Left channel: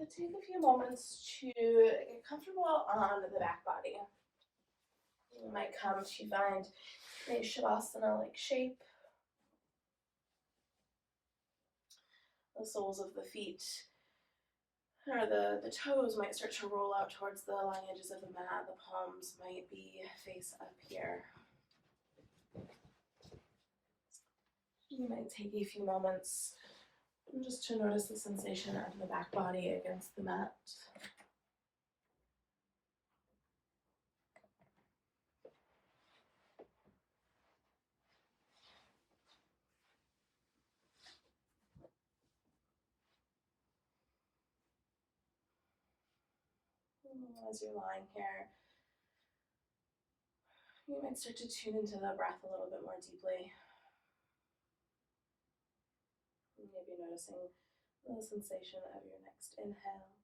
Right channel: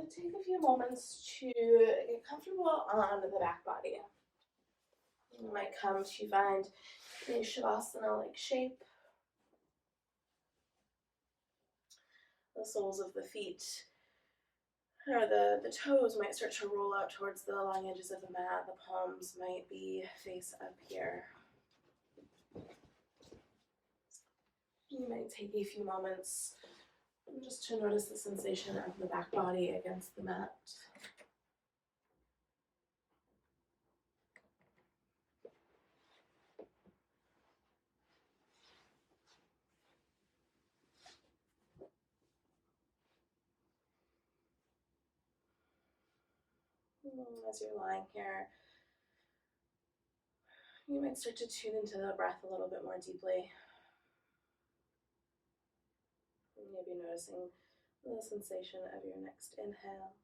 So take a few moments to get comfortable on the back body. You might come to find a Shavasana-like shape. The soles of the feet or the toes might start to roll out towards the long edges of the mat. The palms might be face up here. You might take a few moments just to notice the sensation of the back body against the mat. As you're lying here, you might start to tune into the breath a little bit more deeply. Maybe noticing the sensation of your next inhale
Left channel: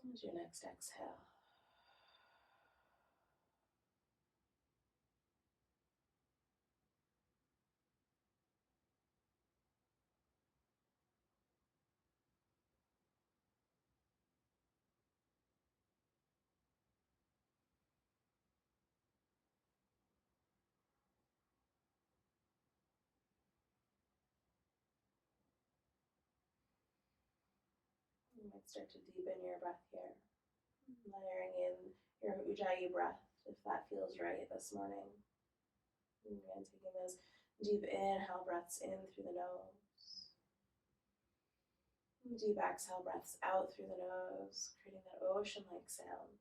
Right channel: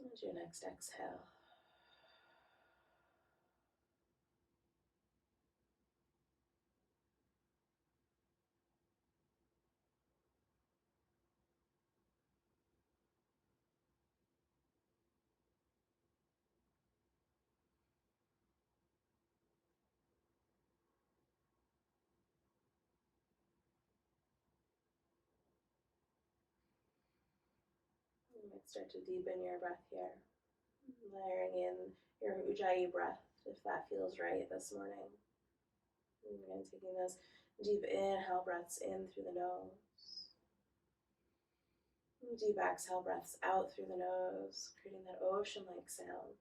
and your next exhale. You might start to deepen your breath here, layering in your Ujjayi breath if that feels right this morning. And again, taking those deep inhale breaths in through the nose. And deep exhale breaths out through the nose, creating that ocean-like sound.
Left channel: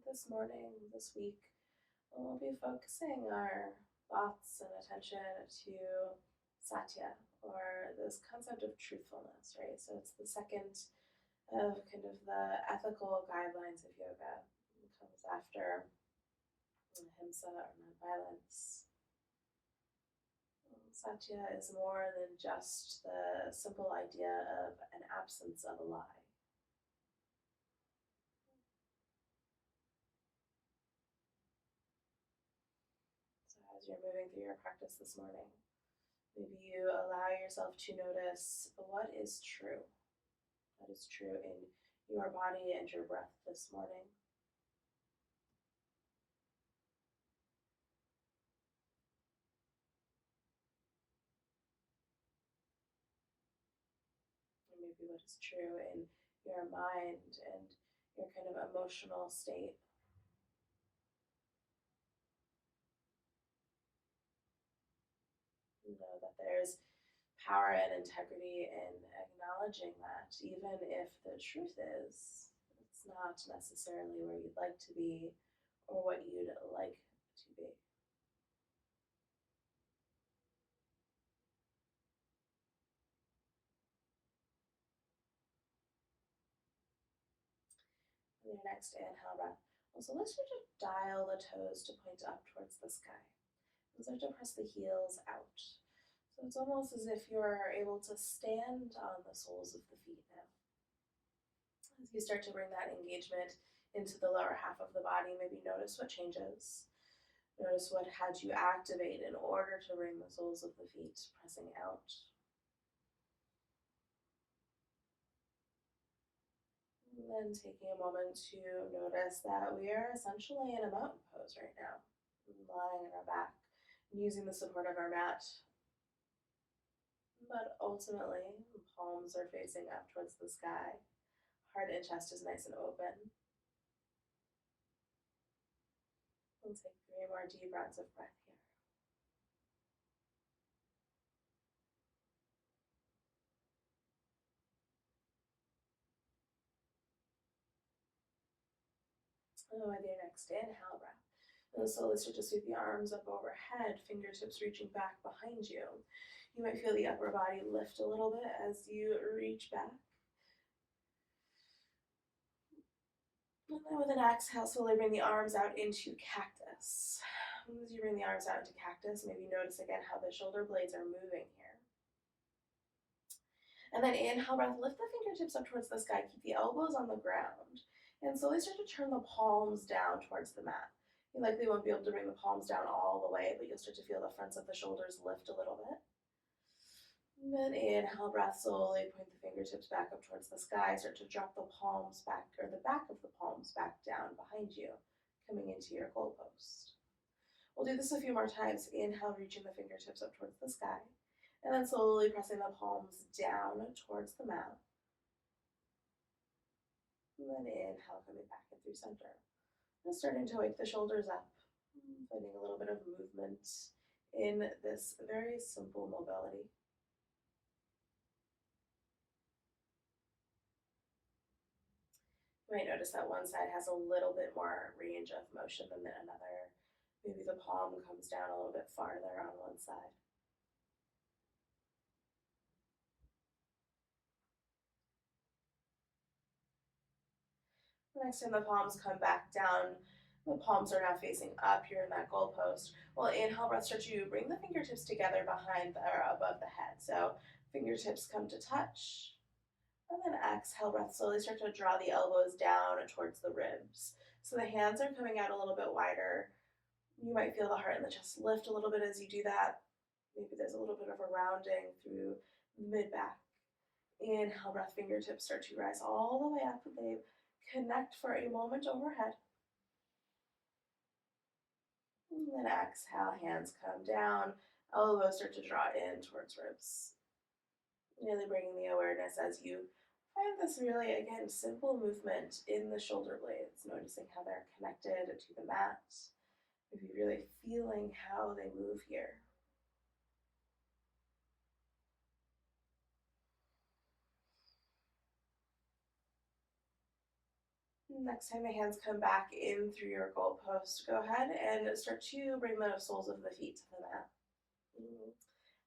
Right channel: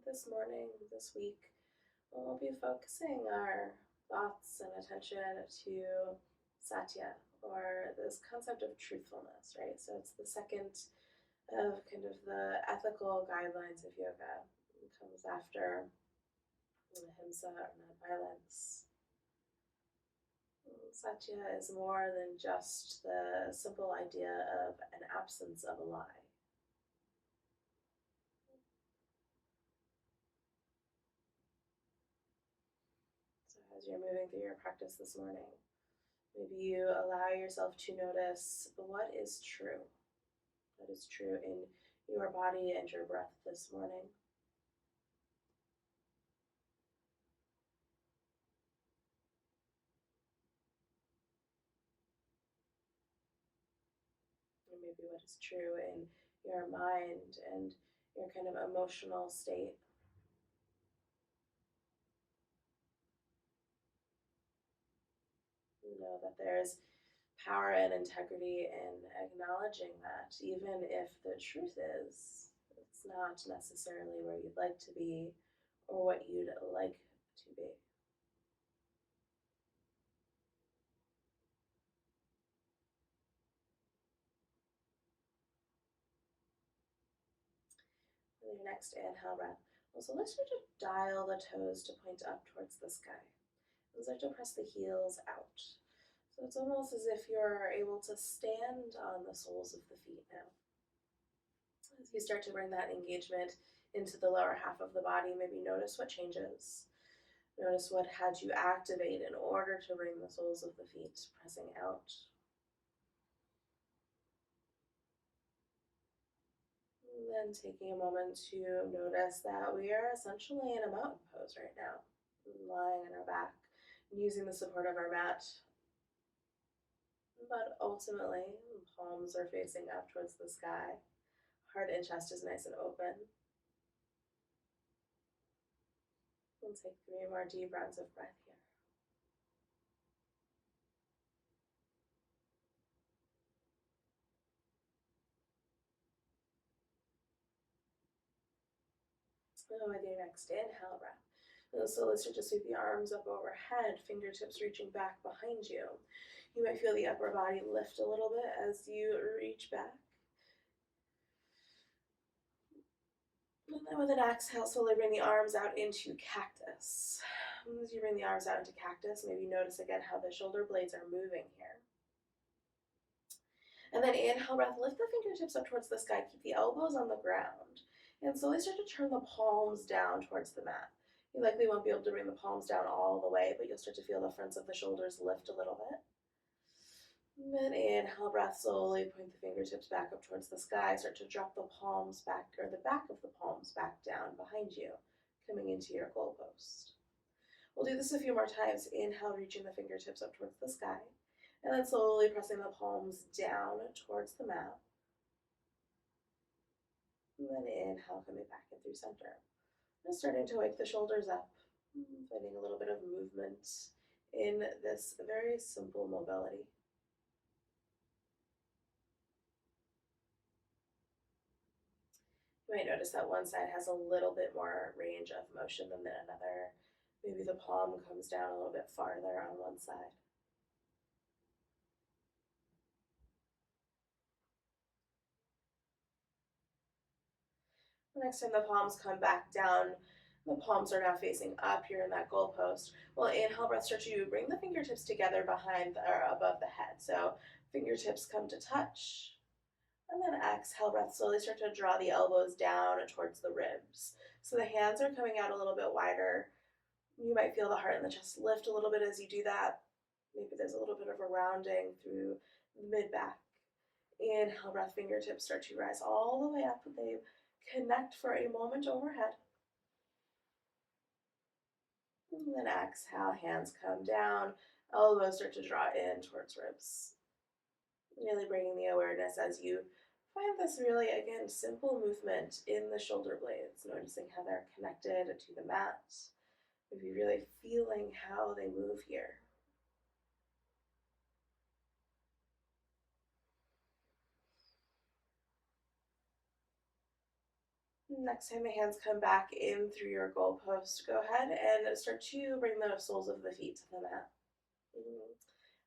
This morning, this week, we'll be focusing our thoughts and attention to Satya, or this concept of truthfulness, right? So it's the second of kind of the ethical guidelines of yoga. It comes after ahimsa or nonviolence. Satya is more than just the simple idea of an absence of a lie. As you're moving through your practice this morning, maybe you allow yourself to notice what is true. That is true in your body and your breath this morning. And maybe what is true in your mind and your kind of emotional state. You know that there's power and integrity in acknowledging that, even if the truth is it's not necessarily where you'd like to be or what you'd like to be. And your next inhale breath. Also, let's start to dial the toes to point up towards the sky. And start to press the heels out. So it's almost as if you're able to stand on the soles of the feet now. As you start to bring that engagement into the lower half of the body, maybe notice what changes. Notice what had you activate in order to bring the soles of the feet pressing out. And then taking a moment to notice that we are essentially in a mountain pose right now, lying on our back, using the support of our mat. But ultimately, palms are facing up towards the sky. Heart and chest is nice and open. We'll take 3 more deep rounds of breath here. And with your next inhale breath, and so let's start to sweep the arms up overhead, fingertips reaching back behind you. You might feel the upper body lift a little bit as you reach back. And then with an exhale, slowly bring the arms out into cactus. As you bring the arms out into cactus, maybe notice again how the shoulder blades are moving here. And then inhale, breath, lift the fingertips up towards the sky, keep the elbows on the ground, and slowly start to turn the palms down towards the mat. You likely won't be able to bring the palms down all the way, but you'll start to feel the fronts of the shoulders lift a little bit. And then inhale, breath, slowly point the fingertips back up towards the sky. Start to drop the palms back, or the back of the palms back down behind you, coming into your goalpost. We'll do this a few more times. Inhale, reaching the fingertips up towards the sky, and then slowly pressing the palms down towards the mat. And then inhale, coming back in through center. And starting to wake the shoulders up, finding a little bit of movement in this very simple mobility. You might notice that one side has a little bit more range of motion than another. Maybe the palm comes down a little bit farther on one side. The next time the palms come back down, the palms are now facing up here in that goalpost. Well, inhale, breath, start to bring the fingertips together behind or above the head. So fingertips come to touch. And then exhale, breath, slowly start to draw the elbows down towards the ribs. So the hands are coming out a little bit wider. You might feel the heart and the chest lift a little bit as you do that. Maybe there's a little bit of a rounding through the mid-back. Inhale, breath, fingertips start to rise all the way up. They connect for a moment overhead. And then exhale, hands come down, elbows start to draw in towards ribs. Really bringing the awareness as you find this really, again, simple movement in the shoulder blades, noticing how they're connected to the mat, maybe really feeling how they move here. Next time the hands come back in through your goalpost, go ahead and start to bring the soles of the feet to the mat.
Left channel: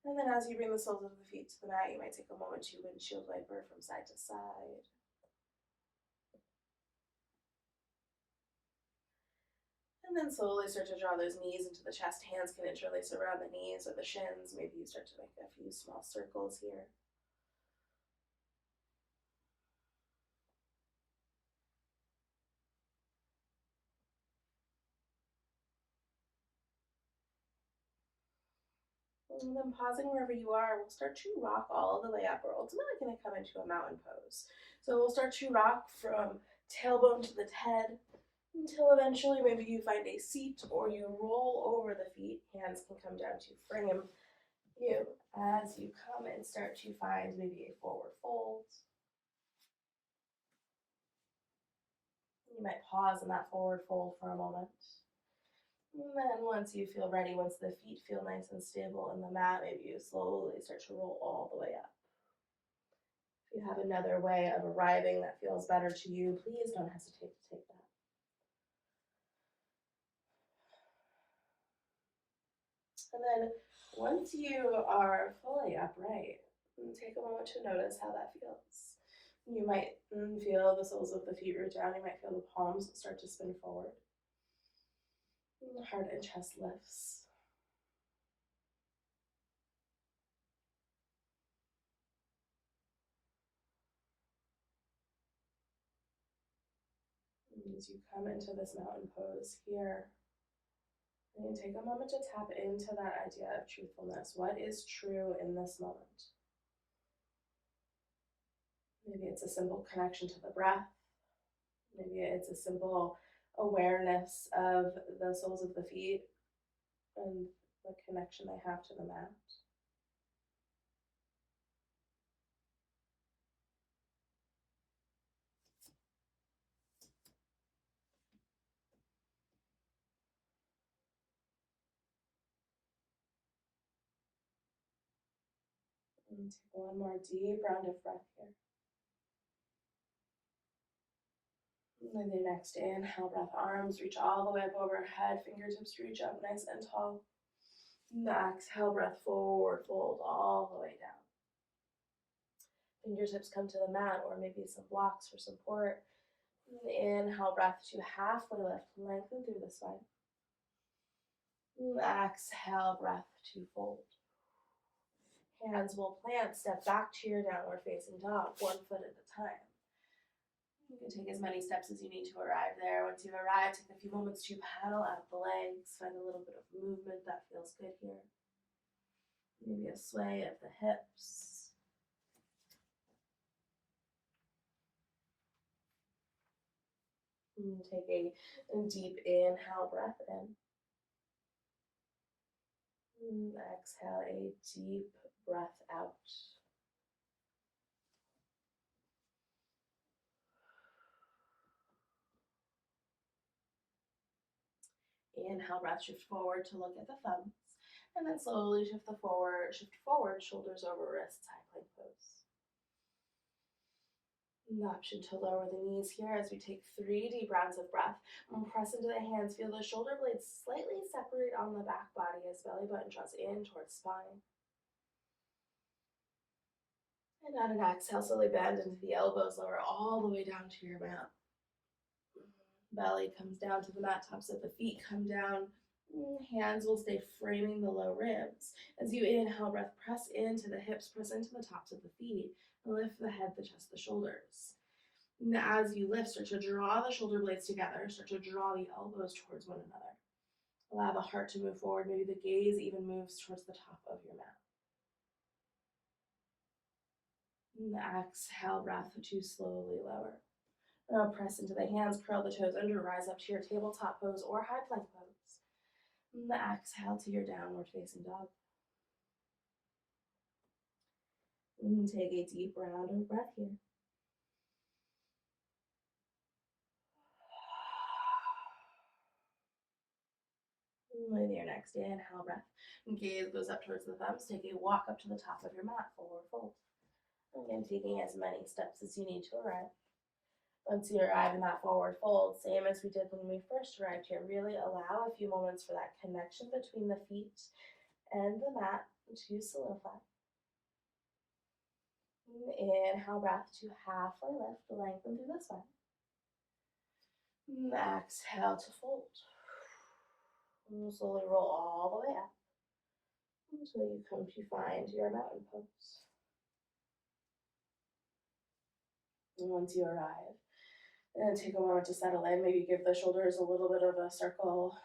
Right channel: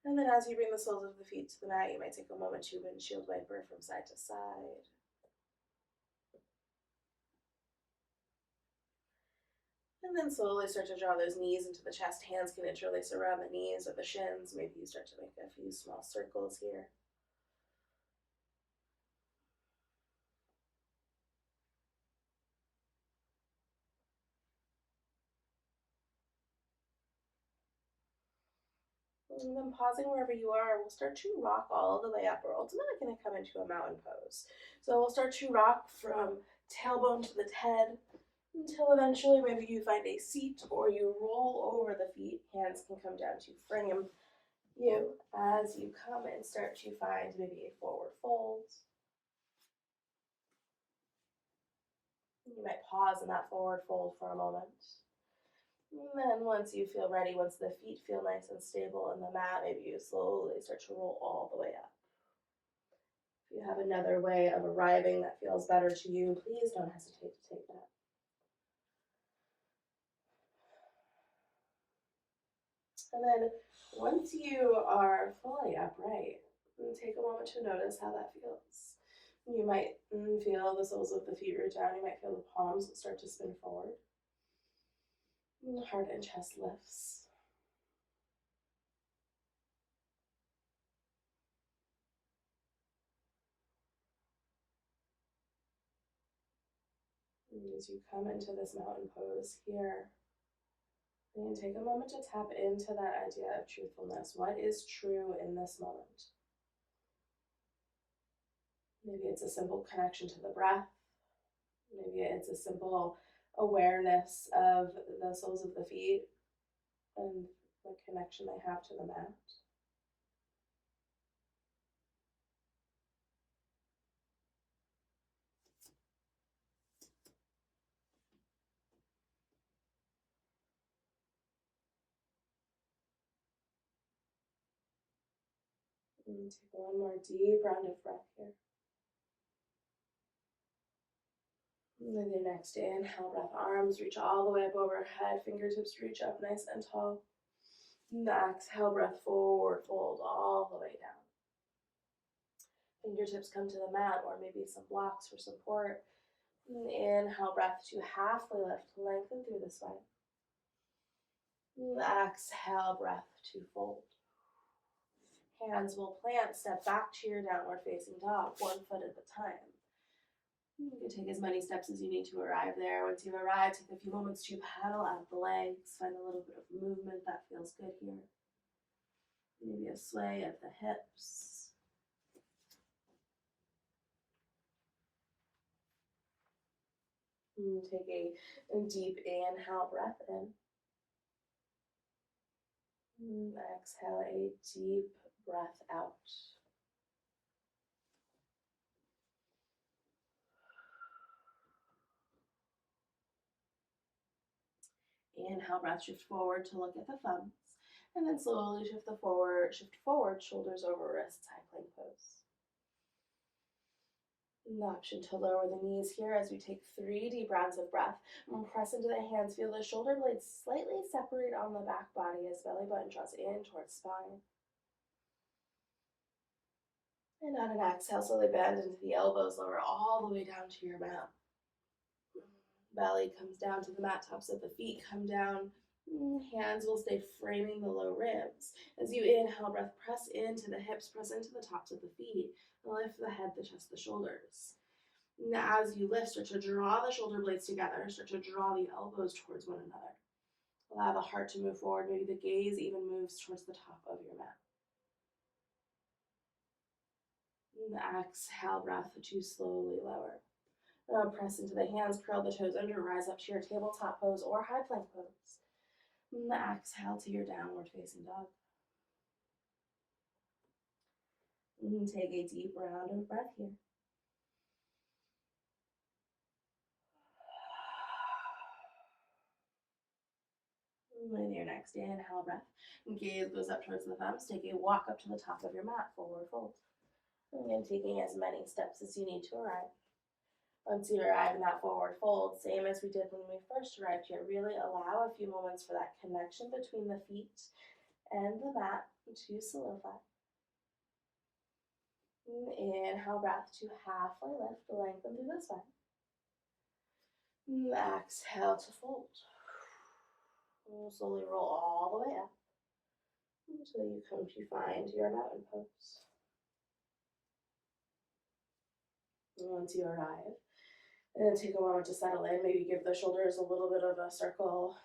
And then as you bring the soles of the feet to the mat, you might take a moment to windshield wiper from side to side. And then slowly start to draw those knees into the chest. Hands can interlace around the knees or the shins. Maybe you start to make a few small circles here. And then pausing wherever you are, we'll start to rock all the way up. We're ultimately going to come into a mountain pose. So we'll start to rock from tailbone to the head until eventually maybe you find a seat or you roll over the feet. Hands can come down to frame you as you come and start to find maybe a forward fold. You might pause in that forward fold for a moment. And then once you feel ready, once the feet feel nice and stable on the mat, maybe you slowly start to roll all the way up. If you have another way of arriving that feels better to you, please don't hesitate to take that. And then once you are fully upright, take a moment to notice how that feels. You might feel the soles of the feet root down. You might feel the palms start to spin forward. Heart and chest lifts. And as you come into this mountain pose here, and take a moment to tap into that idea of truthfulness. What is true in this moment? Maybe it's a simple connection to the breath. Maybe it's a simple awareness of the soles of the feet and the connection they have to the mat. And take one more deep round of breath here. And then your next inhale, breath, arms reach all the way up overhead, fingertips reach up nice and tall. And exhale, breath, forward fold all the way down. Fingertips come to the mat or maybe some blocks for support. And inhale, breath to halfway lift, lengthen through the spine. Exhale, breath to fold. Hands will plant, step back to your downward facing dog, 1 foot at a time. You can take as many steps as you need to arrive there. Once you've arrived, take a few moments to paddle out the legs, find a little bit of movement that feels good here. Maybe a sway of the hips. And take a deep inhale, breath in. And exhale, a deep breath out. Inhale, breath, shift forward to look at the thumbs. And then slowly shift forward, shoulders over wrists, high plank pose. An option to lower the knees here as we take 3 deep rounds of breath. And press into the hands, feel the shoulder blades slightly separate on the back body as belly button draws in towards spine. And on an exhale, slowly bend into the elbows, lower all the way down to your mat. Belly comes down to the mat, tops of the feet come down. Hands will stay framing the low ribs. As you inhale, breath, press into the hips, press into the tops of the feet, and lift the head, the chest, the shoulders. And as you lift, start to draw the shoulder blades together, start to draw the elbows towards one another. Allow the heart to move forward, maybe the gaze even moves towards the top of your mat. And exhale, breath to slowly lower. Now press into the hands, curl the toes under, rise up to your tabletop pose or high plank pose. And exhale to your downward facing dog. And take a deep round of breath here. With your next inhale breath, gaze goes up towards the thumbs. Take a walk up to the top of your mat, forward fold. Again, taking as many steps as you need to arrive. Once you arrive in that forward fold, same as we did when we first arrived here, really allow a few moments for that connection between the feet and the mat to solidify. Inhale, breath to halfway lift, lengthen through the spine. Exhale to fold. And slowly roll all the way up until you come to find your mountain pose. And once you arrive, and take a moment to settle in, maybe give the shoulders a little bit of a circle.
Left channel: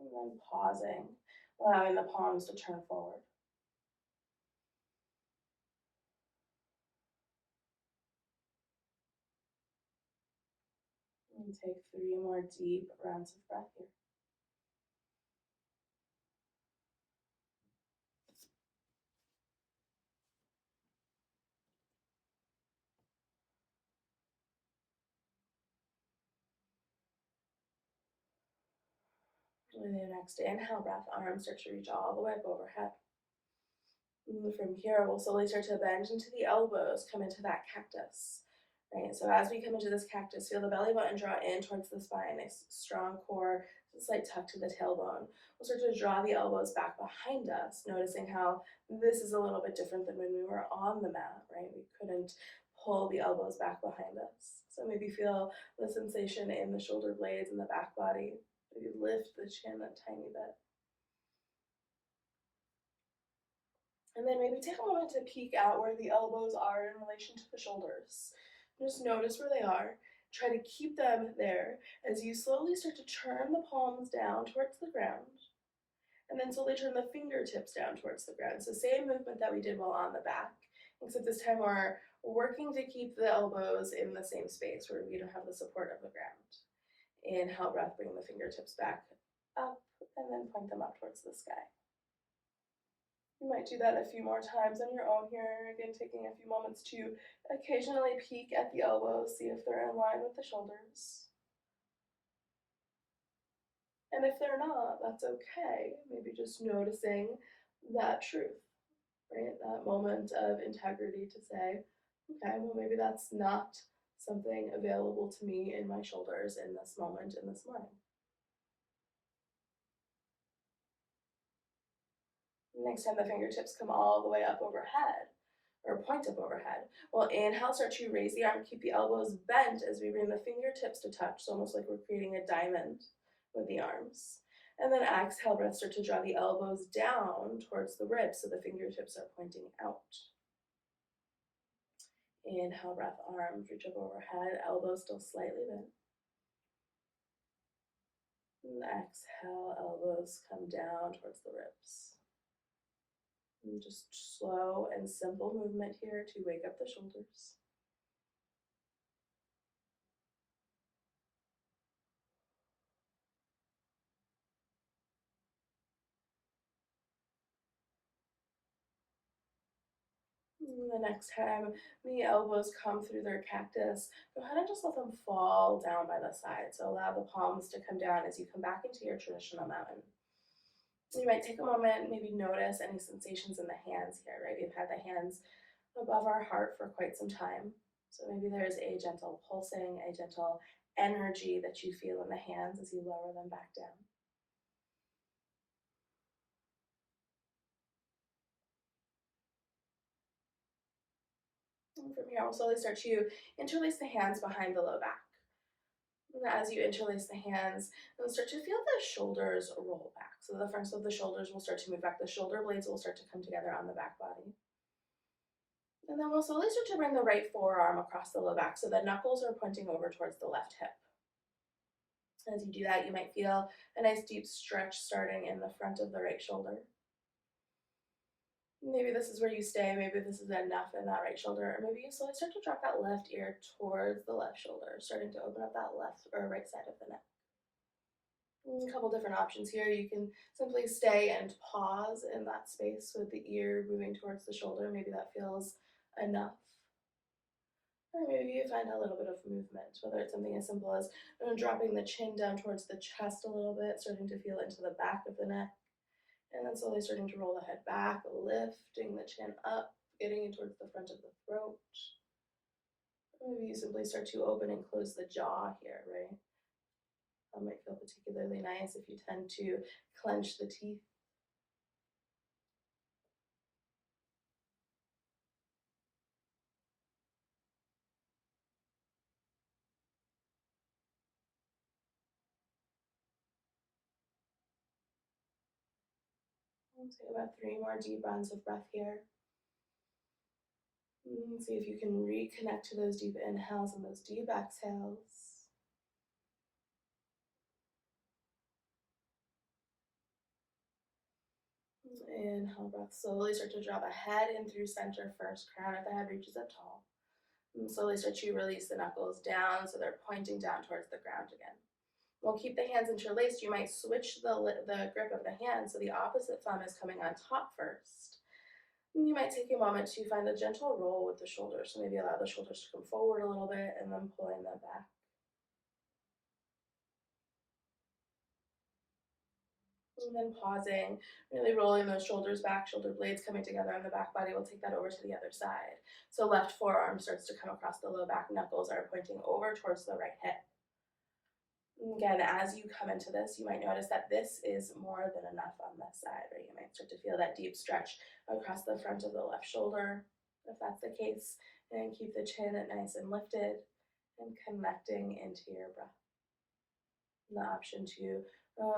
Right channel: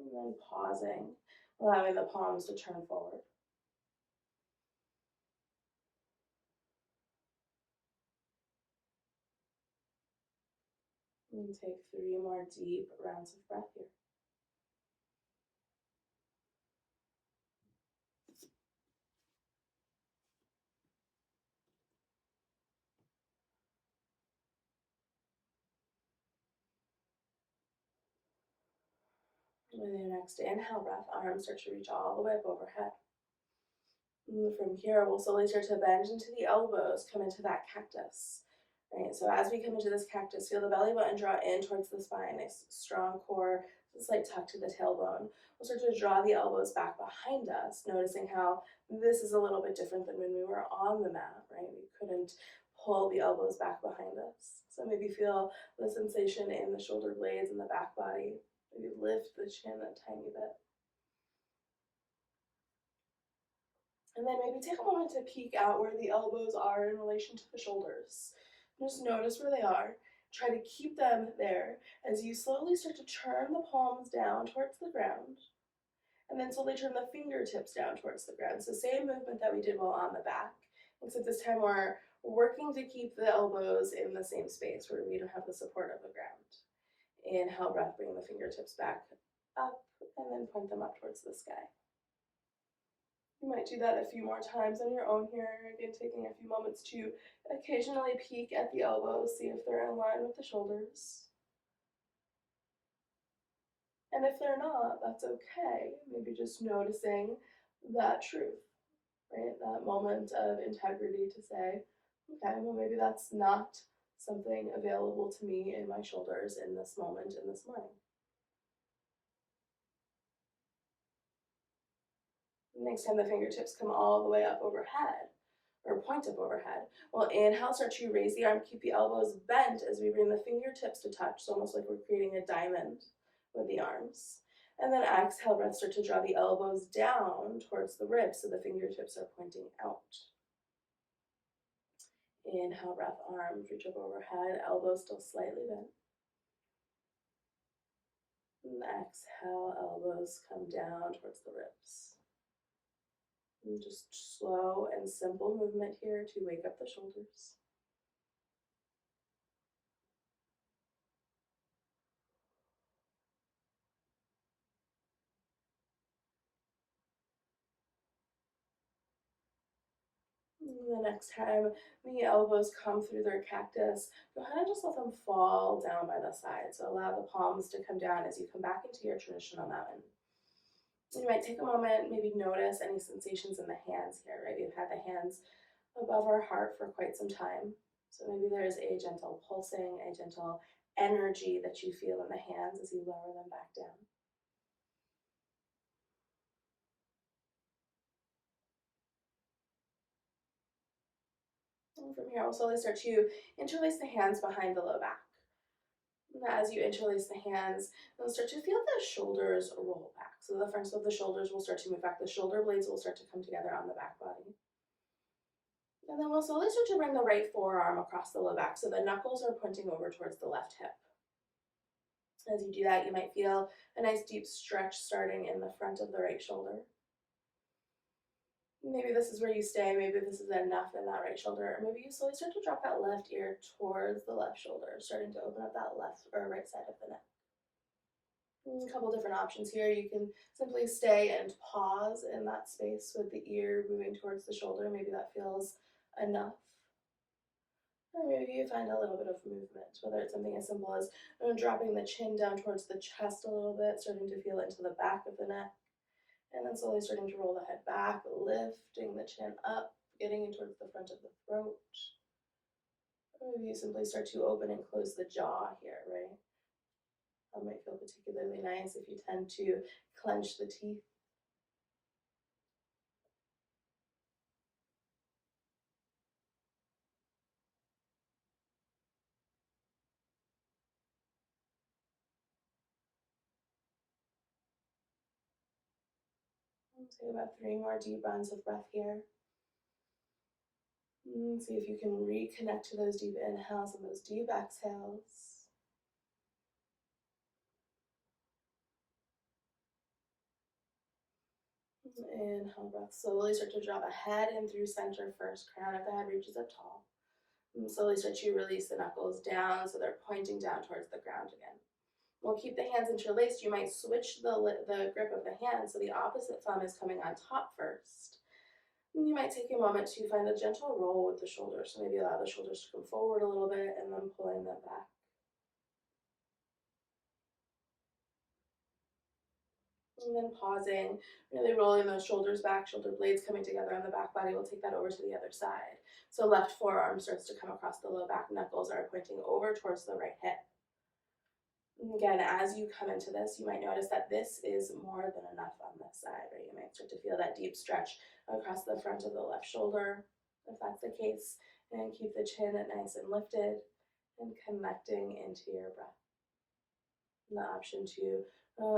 And then pausing, allowing the palms to turn forward. And take 3 more deep rounds of breath here. With your next inhale breath, arms start to reach all the way up overhead. And from here, we'll slowly start to bend into the elbows, come into that cactus. Right, so as we come into this cactus, feel the belly button draw in towards the spine, a strong core, a slight tuck to the tailbone. We'll start to draw the elbows back behind us, noticing how this is a little bit different than when we were on the mat, right? We couldn't pull the elbows back behind us. So maybe feel the sensation in the shoulder blades and the back body. Maybe lift the chin a tiny bit. And then maybe take a moment to peek out where the elbows are in relation to the shoulders. Just notice where they are. Try to keep them there as you slowly start to turn the palms down towards the ground. And then slowly turn the fingertips down towards the ground. So same movement that we did while on the back. Except this time we're working to keep the elbows in the same space where we don't have the support of the ground. Inhale, breath, bring the fingertips back up and then point them up towards the sky. You might do that a few more times on your own here. Again, taking a few moments to occasionally peek at the elbows, see if they're in line with the shoulders. And if they're not, that's okay. Maybe just noticing that truth, right? That moment of integrity to say, okay, well, maybe that's not something available to me in my shoulders in this moment, in this morning. Next time the fingertips come all the way up overhead, or point up overhead. Well, inhale, start to raise the arm, keep the elbows bent as we bring the fingertips to touch, so almost like we're creating a diamond with the arms. And then exhale, breath, start to draw the elbows down towards the ribs so the fingertips are pointing out. Inhale, breath, arms reach up overhead, elbows still slightly bent. And exhale, elbows come down towards the ribs. And just slow and simple movement here to wake up the shoulders. And the next time the elbows come through their cactus, go ahead and just let them fall down by the side. So allow the palms to come down as you come back into your traditional mountain. You might take a moment, maybe notice any sensations in the hands here, right? We've had the hands above our heart for quite some time. So maybe there's a gentle pulsing, a gentle energy that you feel in the hands as you lower them back down. And from here, we'll slowly start to interlace the hands behind the low back. And as you interlace the hands, you'll start to feel the shoulders roll back. So the fronts of the shoulders will start to move back. The shoulder blades will start to come together on the back body. And then we'll slowly start to bring the right forearm across the low back so the knuckles are pointing over towards the left hip. As you do that, you might feel a nice deep stretch starting in the front of the right shoulder. Maybe this is where you stay, maybe this is enough in that right shoulder, or maybe you slowly start to drop that left ear towards the left shoulder, starting to open up that left or right side of the neck. A couple different options here. You can simply stay and pause in that space with the ear moving towards the shoulder. Maybe that feels enough. Or maybe you find a little bit of movement, whether it's something as simple as dropping the chin down towards the chest a little bit, starting to feel it into the back of the neck, and then slowly starting to roll the head back, lifting the chin up, getting it towards the front of the throat. Or maybe you simply start to open and close the jaw here, right? That might feel particularly nice if you tend to clench the teeth. We'll take about 3 more deep rounds of breath here. See if you can reconnect to those deep inhales and those deep exhales. Inhale, breath. Slowly start to draw the head in through center first. Crown of the head reaches up tall. And slowly start to release the knuckles down so they're pointing down towards the ground again. We'll keep the hands interlaced. You might switch the grip of the hand so the opposite thumb is coming on top first. And you might take a moment to find a gentle roll with the shoulders. So maybe allow the shoulders to come forward a little bit and then pulling them back. And then pausing, really rolling those shoulders back, shoulder blades coming together on the back body. We'll take that over to the other side. So left forearm starts to come across the low back, knuckles are pointing over towards the right hip. And again, as you come into this, you might notice that this is more than enough on this side, right? You might start to feel that deep stretch across the front of the left shoulder, if that's the case. And keep the chin nice and lifted and connecting into your breath. And the option to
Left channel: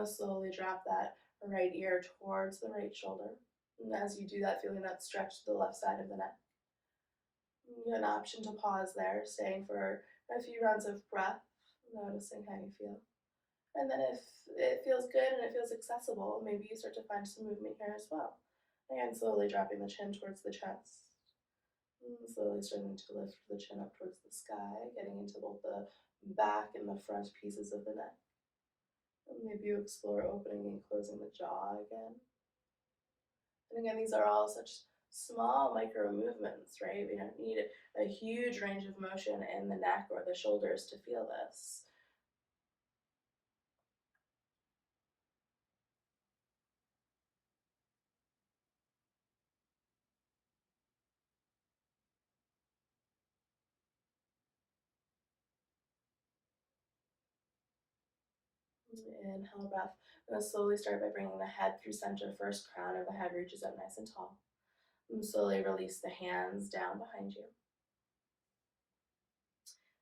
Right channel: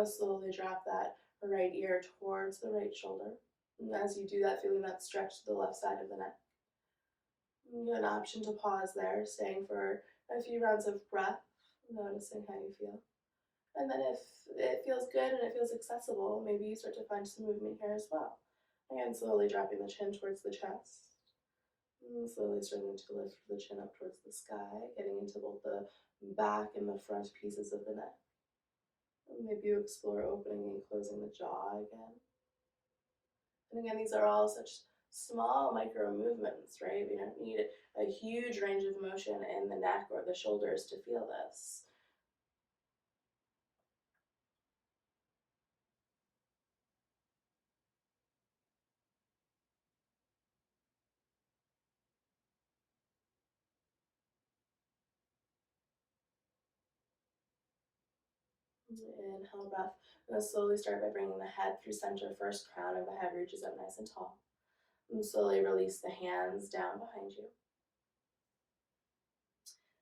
slowly drop that right ear towards the right shoulder. And as you do that, feeling that stretch to the left side of the neck. You have an option to pause there, staying for a few rounds of breath, noticing how you feel. And then if it feels good and it feels accessible, maybe you start to find some movement here as well. Again, slowly dropping the chin towards the chest. And slowly starting to lift the chin up towards the sky, getting into both the back and the front pieces of the neck. And maybe you explore opening and closing the jaw again. And again, these are all such small micro movements, right? We don't need a huge range of motion in the neck or the shoulders to feel this. Inhale, breath. And then slowly start by bringing the head through center first. Crown of the head reaches up nice and tall. And slowly release the hands down behind you.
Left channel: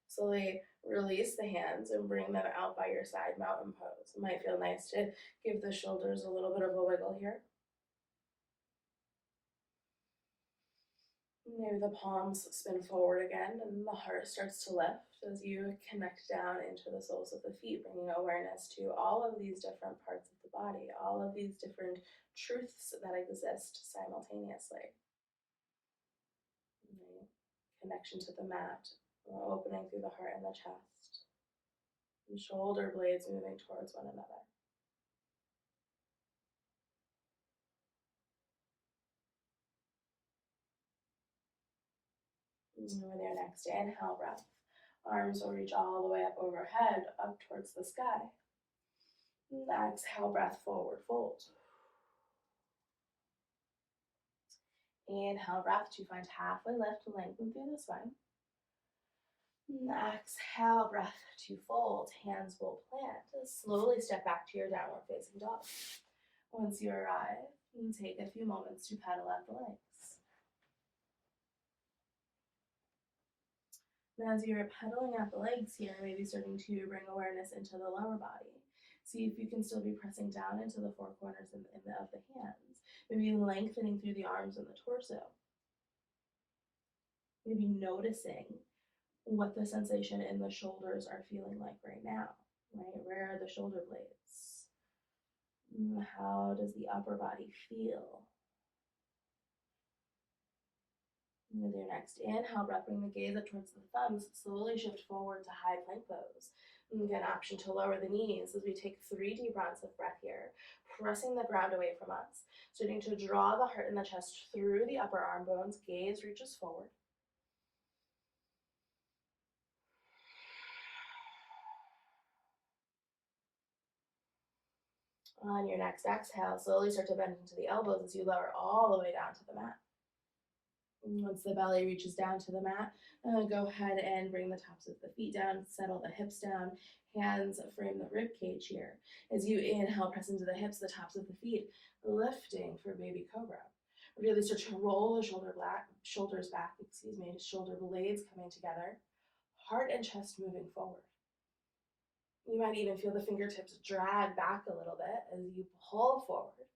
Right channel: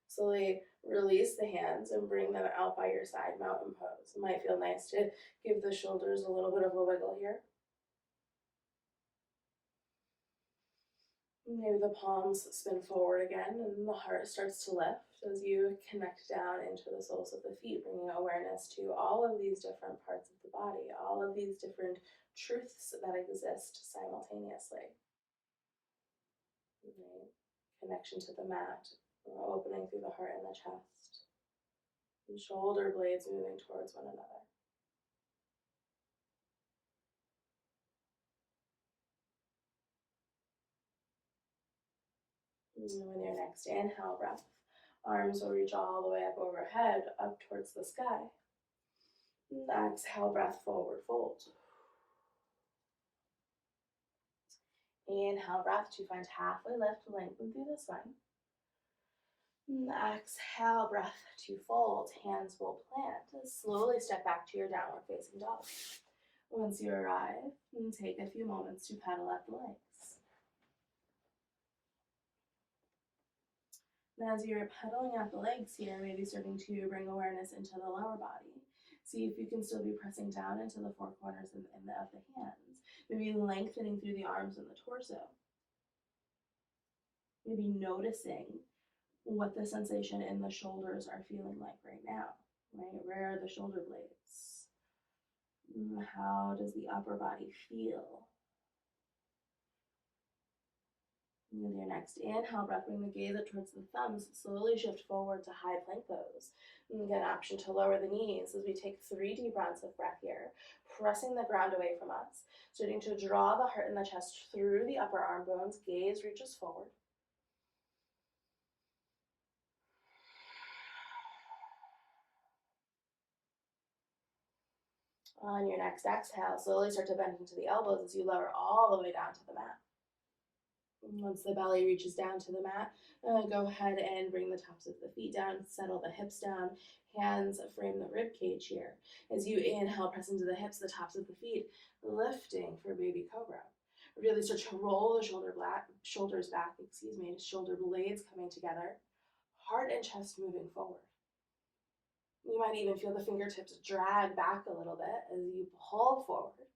Slowly release the hands and bring them out by your side, mountain pose. It might feel nice to give the shoulders a little bit of a wiggle here. Maybe the palms spin forward again and the heart starts to lift as you connect down into the soles of the feet, bringing awareness to all of these different parts of the body, all of these different truths that exist simultaneously. Right? Connection to the mat, opening through the heart and the chest, and shoulder blades moving towards one another. And with your next inhale breath, arms will reach all the way up overhead, up towards the sky. And exhale breath, forward fold. Inhale breath to find halfway lift, lengthen through the spine. And exhale breath to fold, hands will plant. Slowly step back to your downward facing dog. Once you arrive, take a few moments to pedal up the legs. And as you're pedaling out the legs here, maybe starting to bring awareness into the lower body. See if you can still be pressing down into the four corners of the hands. Maybe lengthening through the arms and the torso. Maybe noticing what the sensation in the shoulders are feeling like right now, right? Where are the shoulder blades? How does the upper body feel? And with your next inhale breath, bring the gaze up towards the thumbs, slowly shift forward to high plank pose. And get an option to lower the knees as we take 3 deep rounds of breath here, pressing the ground away from us, starting to draw the heart and the chest through the upper arm bones, gaze reaches forward. On your next exhale, slowly start to bend into the elbows as you lower all the way down to the mat. And once the belly reaches down to the mat, go ahead and bring the tops of the feet down, settle the hips down, hands frame the rib cage here. As you inhale, press into the hips, the tops of the feet, lifting for baby cobra. Really start to roll the shoulders back, shoulder blades coming together, heart and chest moving forward. You might even feel the fingertips drag back a little bit as you pull forward.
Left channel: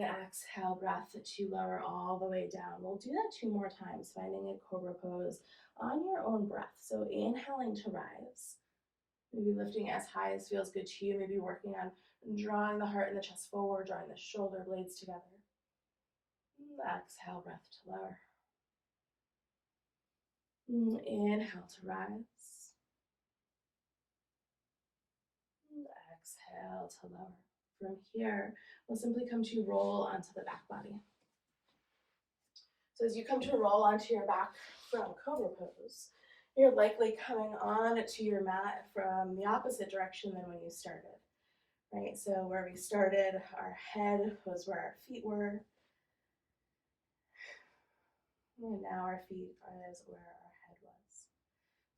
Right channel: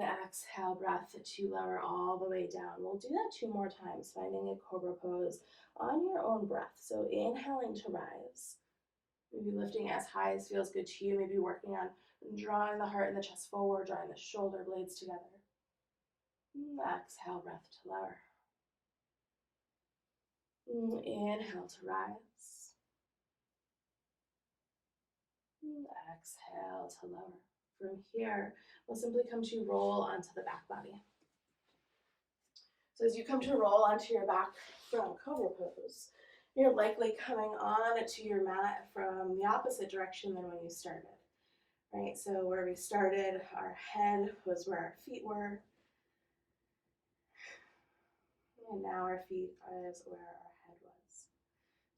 Exhale breath to lower all the way down. We'll do that 2 more times, finding a cobra pose on your own breath. So inhaling to rise, maybe lifting as high as feels good to you, maybe working on drawing the heart and the chest forward, drawing the shoulder blades together. Exhale breath to lower. Inhale to rise. Exhale to lower. From here, we'll simply come to roll onto the back body. So as you come to roll onto your back from Cobra pose, you're likely coming on to your mat from the opposite direction than when you started, right? So where we started, our head was where our feet were, and now our feet is where our head was.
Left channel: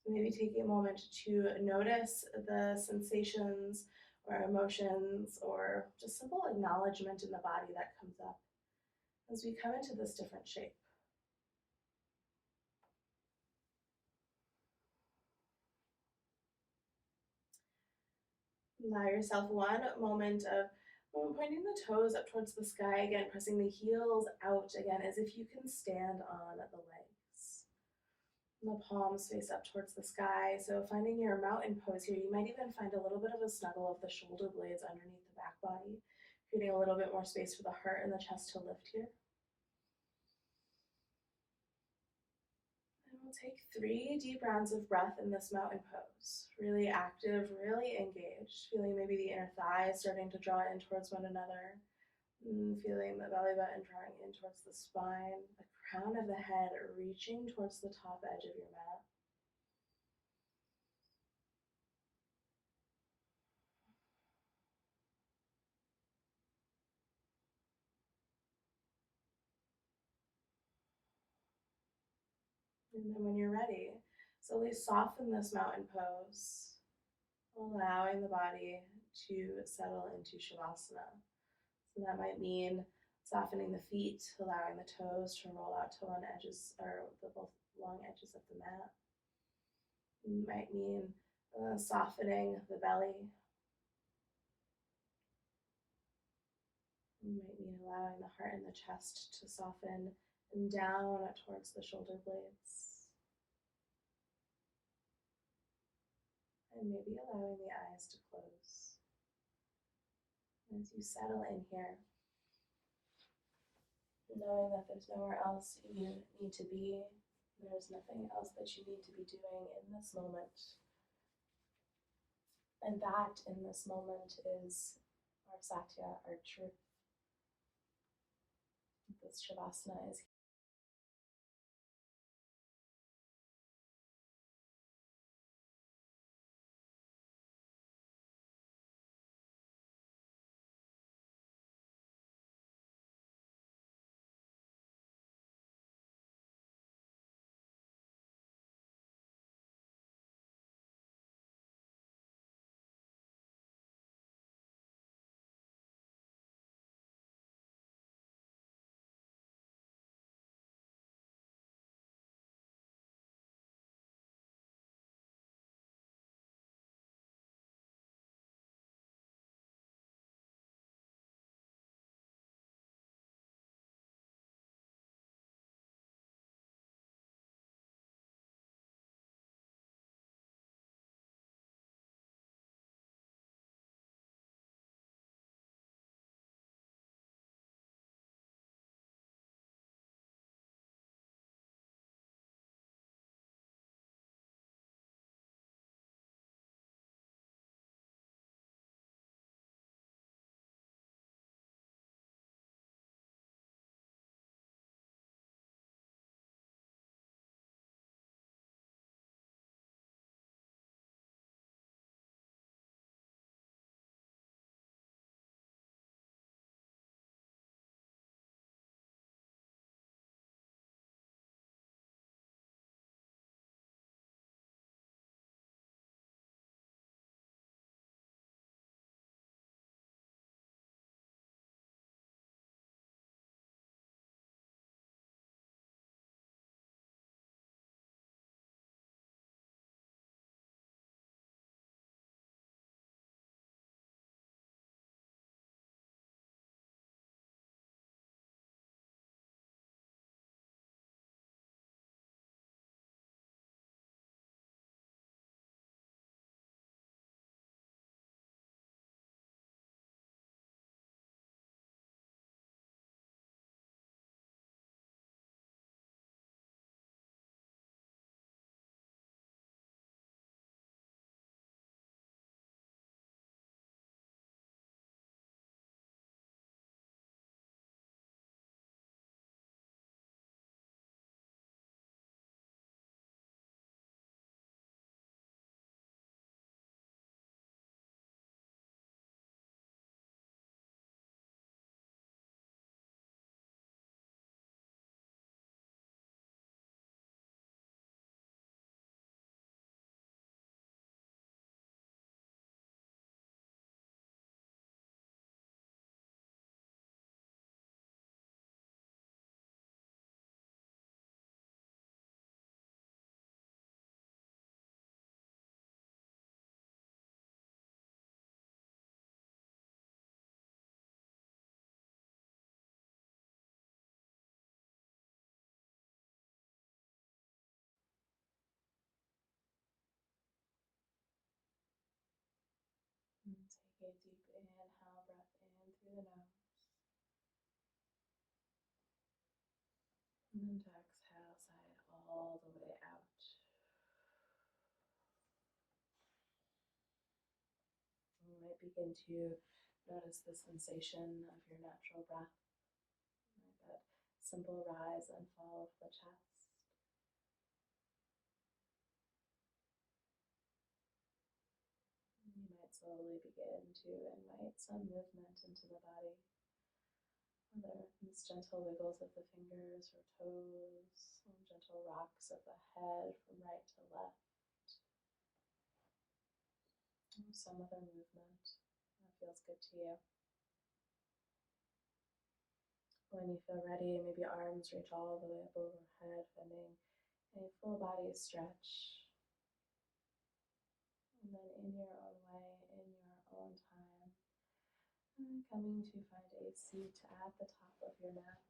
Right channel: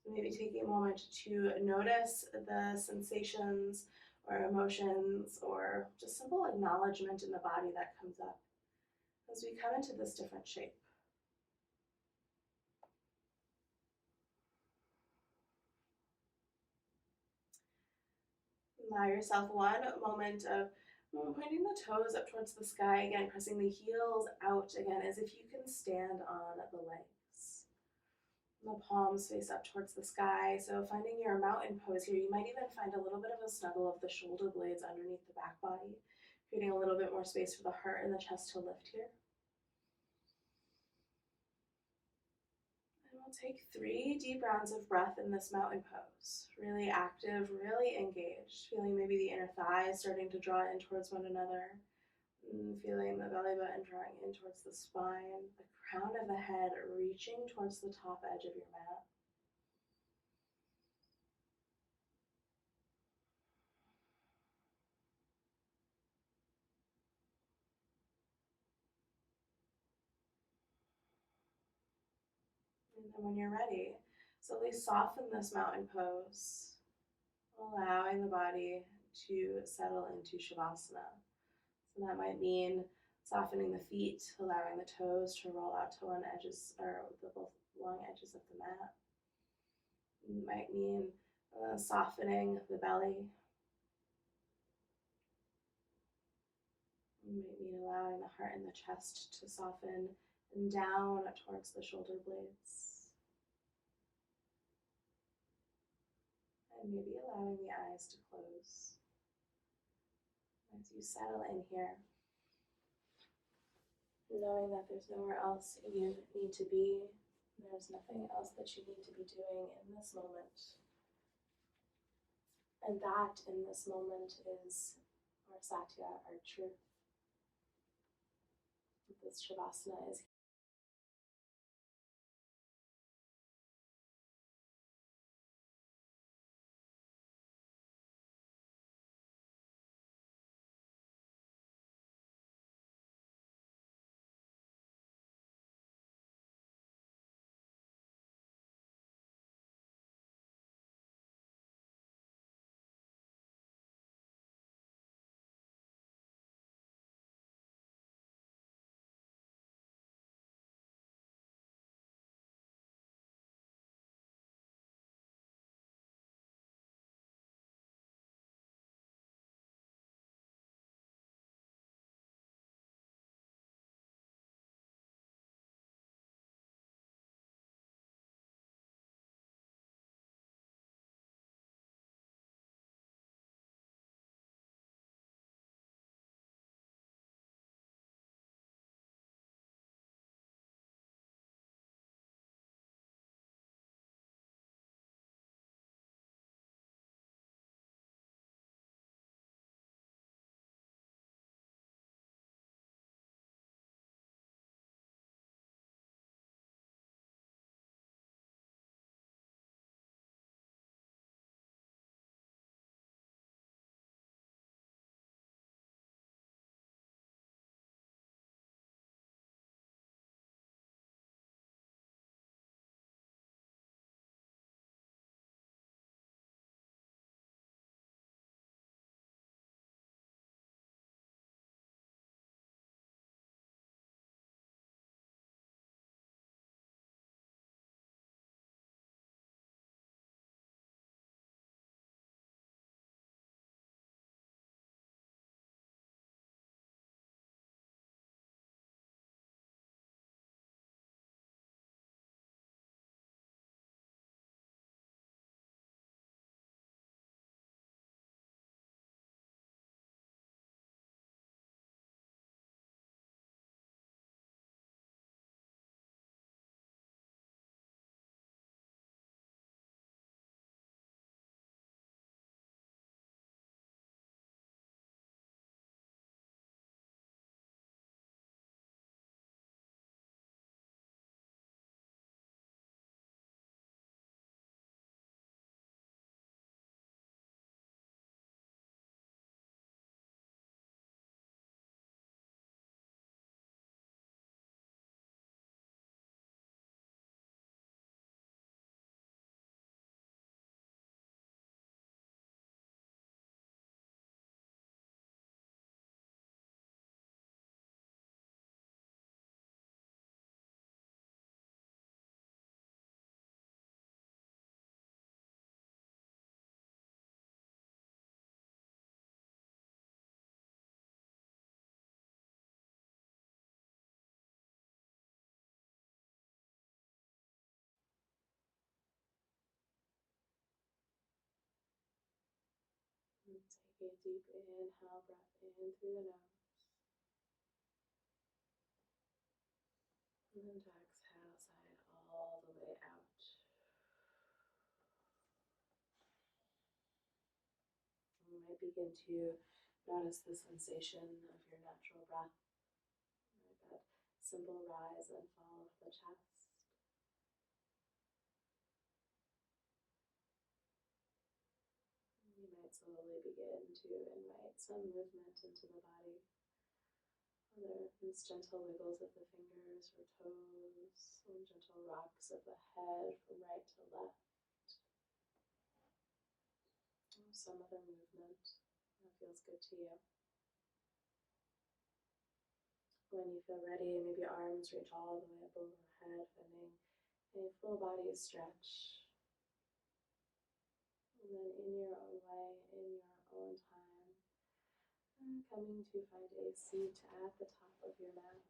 So maybe taking a moment to notice the sensations or emotions or just simple acknowledgement in the body that comes up as we come into this different shape. Allow yourself 1 moment of pointing the toes up towards the sky again, pressing the heels out again as if you can stand on the legs. And the palms face up towards the sky. So finding your mountain pose here, you might even find a little bit of a snuggle of the shoulder blades underneath the back body, creating a little bit more space for the heart and the chest to lift here. Take 3 deep rounds of breath in this mountain pose. Really active, really engaged. Feeling maybe the inner thighs starting to draw in towards one another. Feeling the belly button drawing in towards the spine. The crown of the head reaching towards the top edge of your mat. And then when you're ready, slowly soften this mountain pose, allowing the body to settle into Shavasana. So that might mean Softening the feet, allowing the toes to roll out to one edges or the both long edges of the mat. It might mean softening the belly. It might mean allowing the heart and the chest to soften and down towards the shoulder blades. And maybe allowing the eyes to close. As you settle in here, knowing that there's nowhere else you need to be, there's nothing else that you need to be doing in this moment. And that in this moment is our Satya, our truth. This Shavasana is and take a deep inhale, breath in through the nose. And then to exhale, sigh it all the way out. You might begin to notice the sensation of your natural breath, like that simple rise and fall of the chest. You might slowly begin to invite some movement into the body, whether it's gentle wiggles of the fingers or toes, some gentle rocks of the head from right to left, or some other movement that feels good to you. When you feel ready, maybe arms reach all the way up overhead, finding a full body stretch. And then in your own way, in your own time, coming to find a seat at the top of your mat.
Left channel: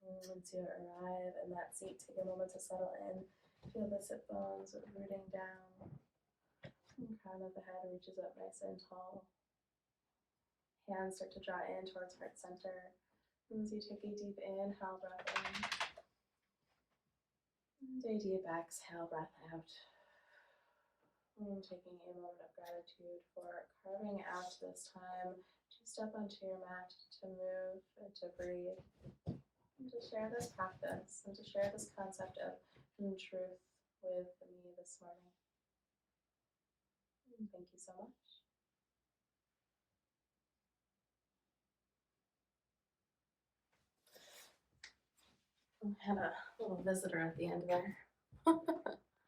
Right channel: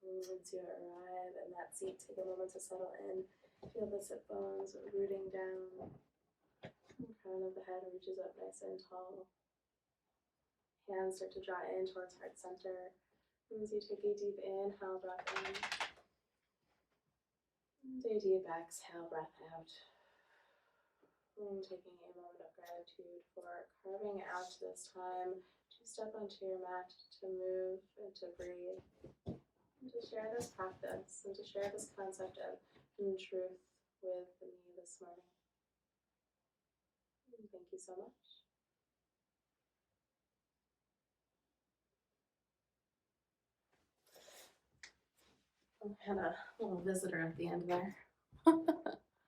And once you arrive in that seat, take a moment to settle in. Feel the sit bones rooting down. The crown of the head reaches up nice and tall. Hands start to draw in towards heart center. As you take a deep inhale, breath in. And a deep exhale, breath out. And taking a moment of gratitude for carving out this time to step onto your mat, to move and to breathe, and to share this practice and to share this concept of truth with me this morning. And thank you so much. I had a little visitor at the end there.